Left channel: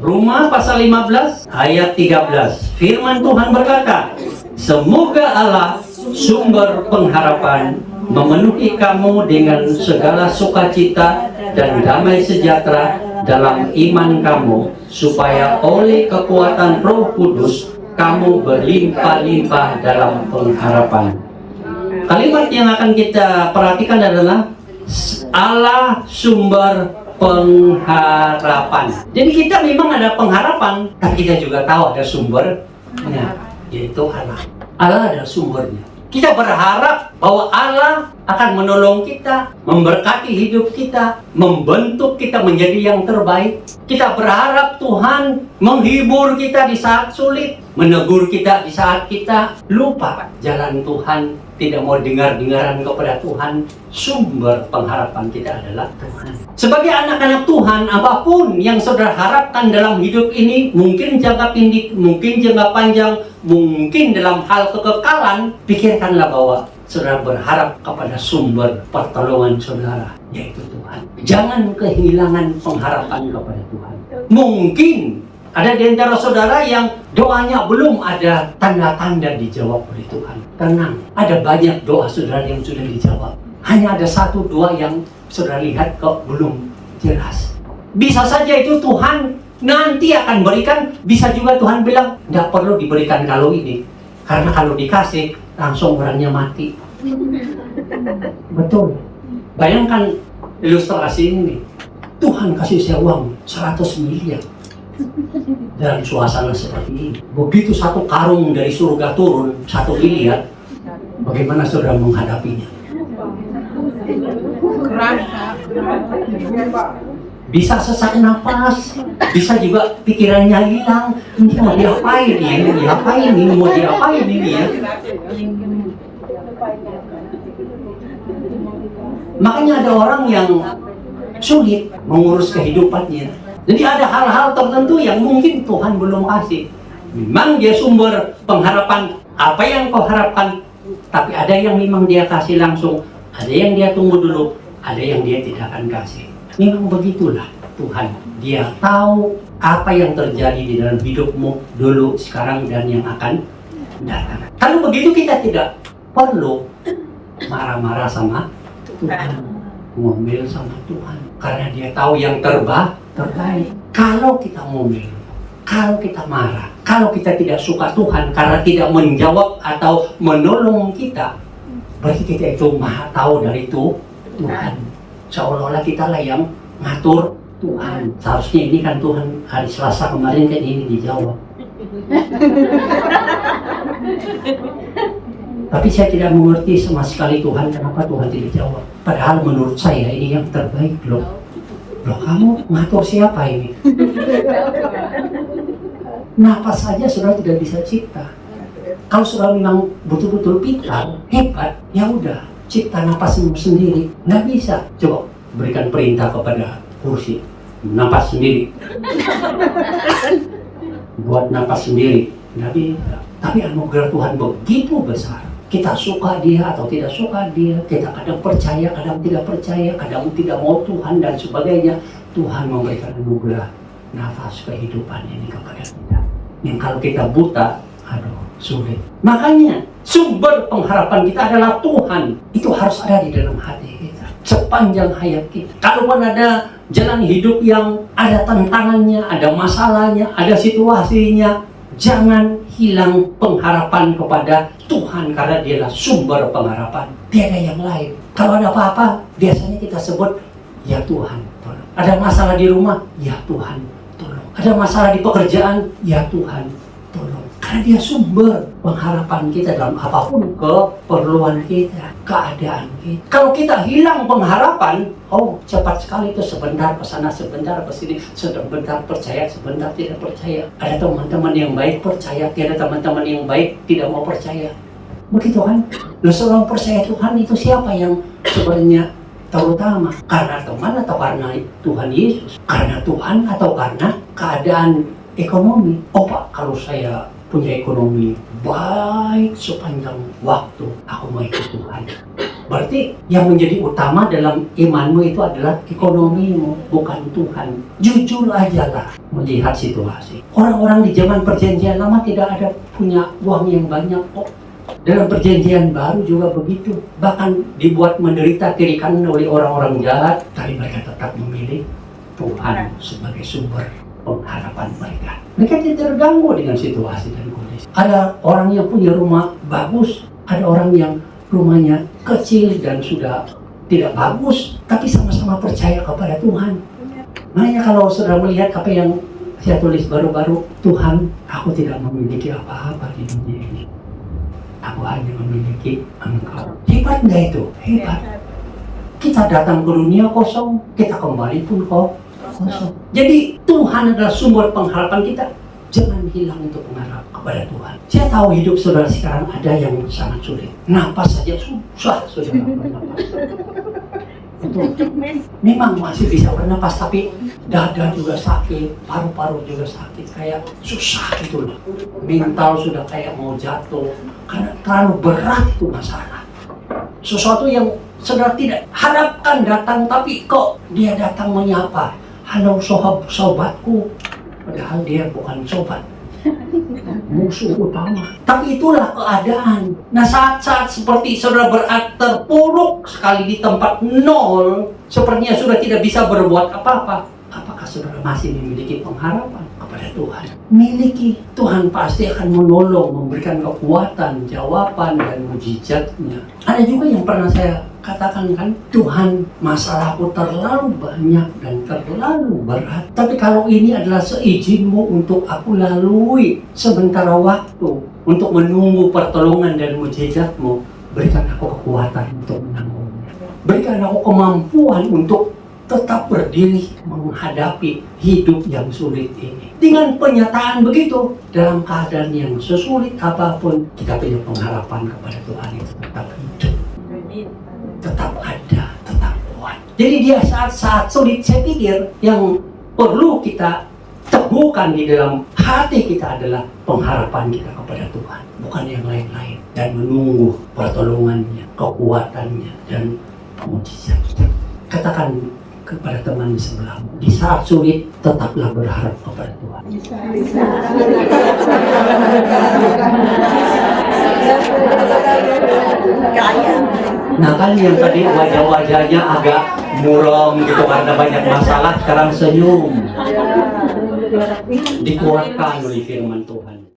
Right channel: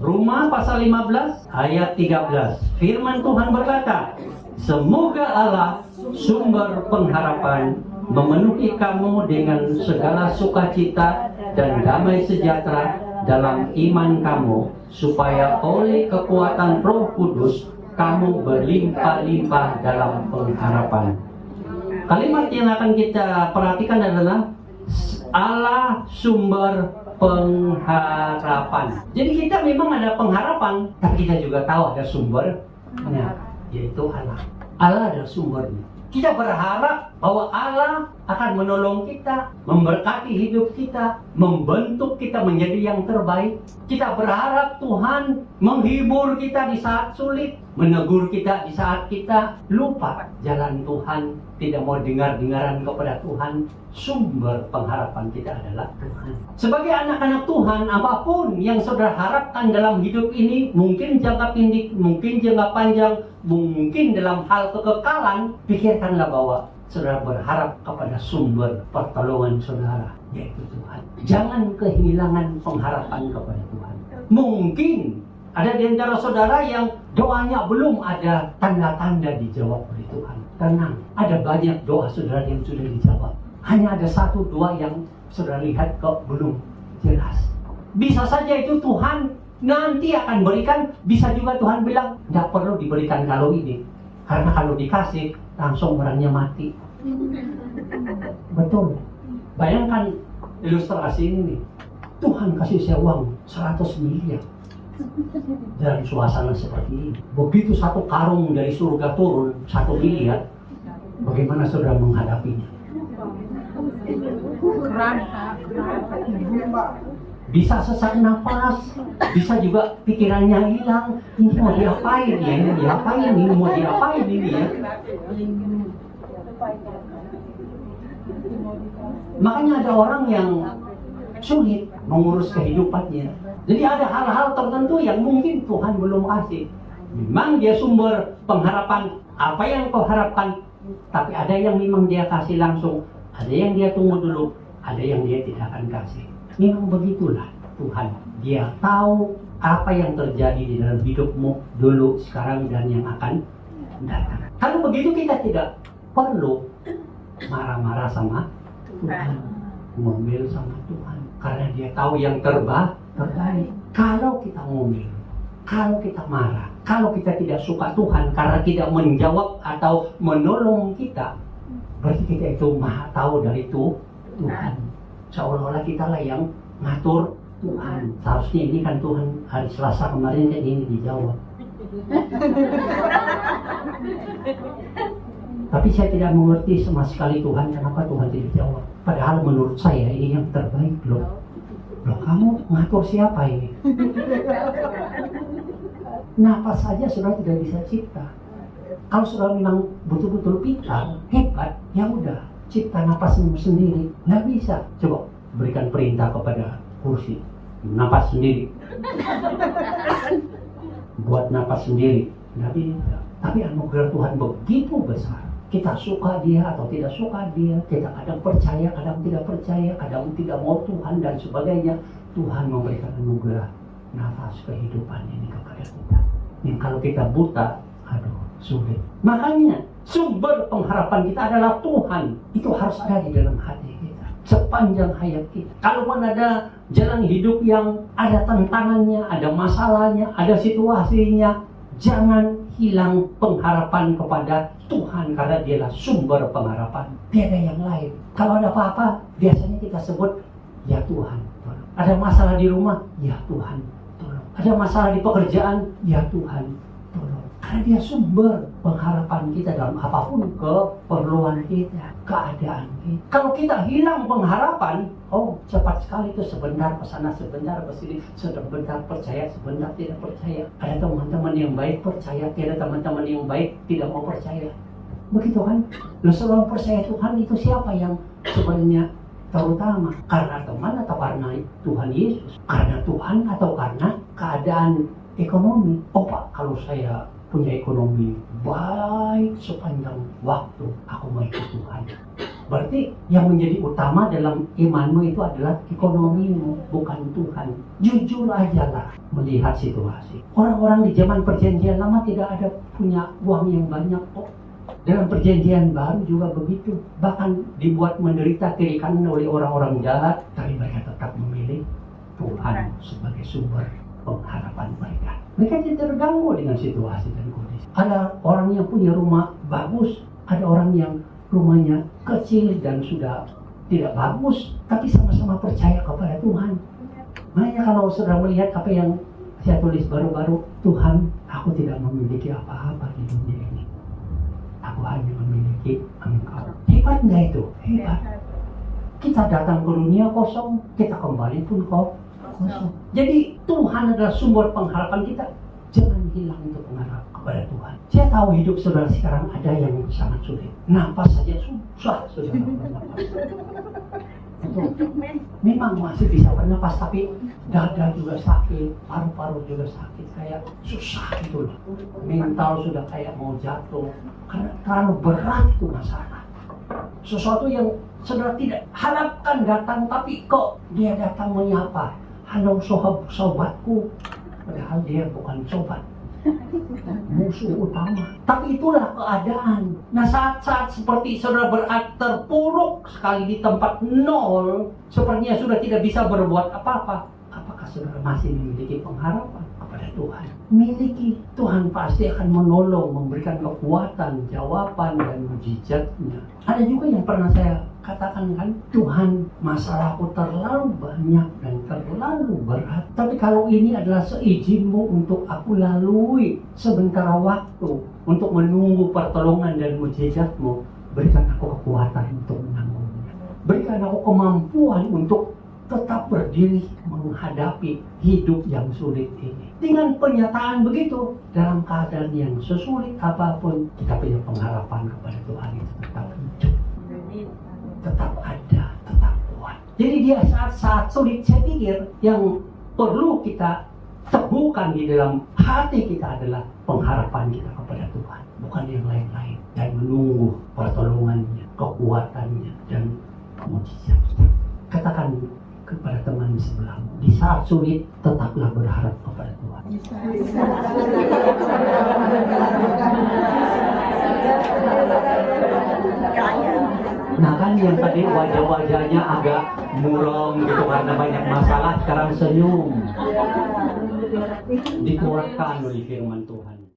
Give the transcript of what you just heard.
Roma pasal 15 ayat 13. Firman Tuhan berkata, semoga Allah sumber pengharapan memenuhi kamu dengan segala sukacita dan damai sejahtera dalam iman kamu, supaya oleh kekuatan Roh Kudus kamu berlimpah-limpah dalam pengharapan. Kalimat yang akan kita perhatikan adalah Allah sumber pengharapan. Jadi kita memang ada pengharapan, tapi kita juga tahu ada sumbernya, yaitu Allah. Allah ada sumbernya. Kita berharap bahwa Allah akan menolong kita, memberkati hidup kita, membentuk kita menjadi yang terbaik. Kita berharap Tuhan menghibur kita di saat sulit, menegur kita di saat kita lupa jalan Tuhan, tidak mau dengar-dengaran kepada Tuhan. Sumber pengharapan kita adalah Tuhan. Sebagai anak-anak Tuhan, apapun yang saudara harapkan dalam hidup ini, mungkin jangka pendek, mungkin jangka panjang, mungkin dalam hal kekekalan, pikirkanlah bahwa saudara berharap kepada sumber pertolongan saudara, yaitu Tuhan. Jangan kehilangan pengharapan kepada Tuhan. Mungkin ada di antara saudara yang doanya belum ada tanda-tanda dijawab oleh Tuhan. Tenang, ada banyak doa saudara yang sudah dijawab. Hanya ada 1-2 yang saudara lihat kok belum jelas. Bisa saja itu Tuhan nanti akan berikan, bisa juga Tuhan bilang, tidak perlu diberikan kalau ini. Karena kalau dikasih, langsung orangnya mati. Betul. Bayangkan ilustrasi ini. Tuhan kasih saya uang 100 miliar. Dalam suasana seperti ini. Begitu satu karung dari surga turun 1 miliar, bagaimana saudara menghadapinya? Bisa sesak napas, bisa juga pikirannya hilang. Ini mau diapain ya? Ini diapain? Ini mau diapain ini ya? Makanya ada orang yang sulit mengurus kehidupannya. Jadi ada hal-hal tertentu yang mungkin Tuhan belum kasih. Memang dia sumber pengharapan. Apa yang kau harapkan, tapi ada yang memang dia kasih langsung, ada yang dia tunggu dulu, ada yang dia tidak akan kasih. Memang begitulah Tuhan. Dia tahu apa yang terjadi di dalam hidupmu dulu, sekarang, dan yang akan datang. Kalau begitu kita tidak perlu marah-marah sama Tuhan, ngomel sama Tuhan, karena dia tahu yang terbaik. Kalau kita ngomel, kalau kita marah, kalau kita tidak suka Tuhan karena tidak menjawab atau menolong kita, berarti kita itu maha tahu dari itu Tuhan. Seolah-olah kita lah yang ngatur Tuhan. Seharusnya ini kan Tuhan hari Selasa kemarin kan ini dijawab. Tapi saya tidak mengerti sama sekali Tuhan, kenapa Tuhan tidak jawab. Padahal menurut saya ini yang terbaik loh. Loh, kamu ngatur siapa ini? Napas saja saudara tidak bisa cipta. Kalau saudara memang betul-betul pintar, hebat, ya udah, cipta napasmu sendiri. Nggak bisa. Coba berikan perintah kepada kursi, napas sendiri. Buat napas sendiri, nggak bisa. Tapi anugerah Tuhan begitu besar. Kita suka dia atau tidak suka dia, kita kadang percaya, kadang tidak percaya, kadang tidak mau Tuhan dan sebagainya. Tuhan memberikan anugerah nafas kehidupan ini kepada kita. Yang kalau kita buta, aduh, sulit. Makanya sumber pengharapan kita adalah Tuhan. Itu harus ada di dalam hati kita sepanjang hayat kita. Kalaupun ada jalan hidup yang ada tantangannya, ada masalahnya, ada situasinya, jangan hilang pengharapan kepada Tuhan, karena dialah sumber pengharapan. Tiada yang lain. Kalau ada apa-apa, biasanya kita sebut, ya Tuhan, tolong. Ada masalah di rumah, ya Tuhan, tolong. Ada masalah di pekerjaan, ya Tuhan, tolong. Karena dia sumber pengharapan kita dalam apapun keperluan kita, keadaan kita. Kalau kita hilang pengharapan, oh cepat sekali itu, sebentar ke sana, sebentar ke sini, sebentar percaya, sebentar tidak percaya. Ada teman-teman yang baik percaya, tiada teman-teman yang baik tidak mau percaya. Begitu kan? Lalu seorang percaya Tuhan itu siapa yang sebenarnya terutama? Karena teman atau karena Tuhan Yesus? Karena Tuhan atau karena keadaan ekonomi? Oh Pak, kalau saya punya ekonomi baik sepanjang waktu, aku mau ikut Tuhan. Berarti yang menjadi utama dalam imanmu itu adalah ekonomimu, bukan Tuhan. Jujur aja lah melihat situasi. Orang-orang di zaman perjanjian lama tidak ada punya uang yang banyak kok. Dalam perjanjian baru juga begitu. Bahkan dibuat menderita kiri kanan oleh orang-orang jahat, tapi mereka tetap memilih Tuhan sebagai sumber pengharapan mereka. Mereka tidak terganggu dengan situasi dan kondisi. Ada orang yang punya rumah bagus, ada orang yang rumahnya kecil dan sudah tidak bagus, tapi sama-sama percaya kepada Tuhan. Makanya kalau saudara melihat apa yang saya tulis baru-baru, Tuhan, aku tidak memiliki apa-apa di dunia ini. Aku hanya memiliki Engkau. Hebat nggak itu? Hebat. Kita datang ke dunia kosong, kita kembali pun kosong. Jadi Tuhan adalah sumber pengharapan kita. Jangan hilang untuk mengharap kepada Tuhan. Saya tahu hidup saudara sekarang ada yang sangat sulit. Napas saja susah saudara bernapas. Memang masih bisa bernapas, tapi dada juga sakit, paru-paru juga sakit, kayak susah gitu loh. Mental sudah kayak mau jatuh, karena terlalu berat itu masalah. Sesuatu yang saudara tidak harapkan datang, tapi kok dia datang menyapa. Halo sobatku. Padahal dia bukan sobat, musuh utama. Tapi itulah keadaan. Nah, saat-saat seperti saudara terpuruk sekali di tempat nol, sepertinya sudah tidak bisa berbuat apa-apa. Apakah saudara masih memiliki pengharapan kepada Tuhan? Miliki. Tuhan pasti akan menolong, memberikan kekuatan, jawaban, dan mujizatnya. Ada juga yang pernah saya katakan kan, Tuhan, masalahku terlalu banyak dan terlalu berat. Tapi kalau ini adalah seizinmu untuk aku lalui sementara waktu, untuk menunggu pertolongan dan mujizatmu, berikan aku kekuatan untuk menanggungnya. Berikan aku kemampuan untuk tetap berdiri menghadapi hidup yang sulit ini. Dengan penyataan begitu, dalam keadaan yang sesulit apapun, kita punya pengharapan kepada Tuhan itu tetap hidup, tetap ada, tetap kuat. Jadi dia saat-saat sulit, saya pikir yang perlu kita teguhkan di dalam hati kita adalah pengharapan kita kepada Tuhan, bukan yang lain-lain, dan menunggu pertolongannya, kekuatannya, dan mujizatnya. Katakan kepada teman di sebelahmu, di saat sulit tetaplah berharap kepada Tuhan. Nah kan yang tadi wajah-wajahnya agak muram gitu karena banyak masalah, sekarang senyum. Dikuatkan oleh firman Tuhan.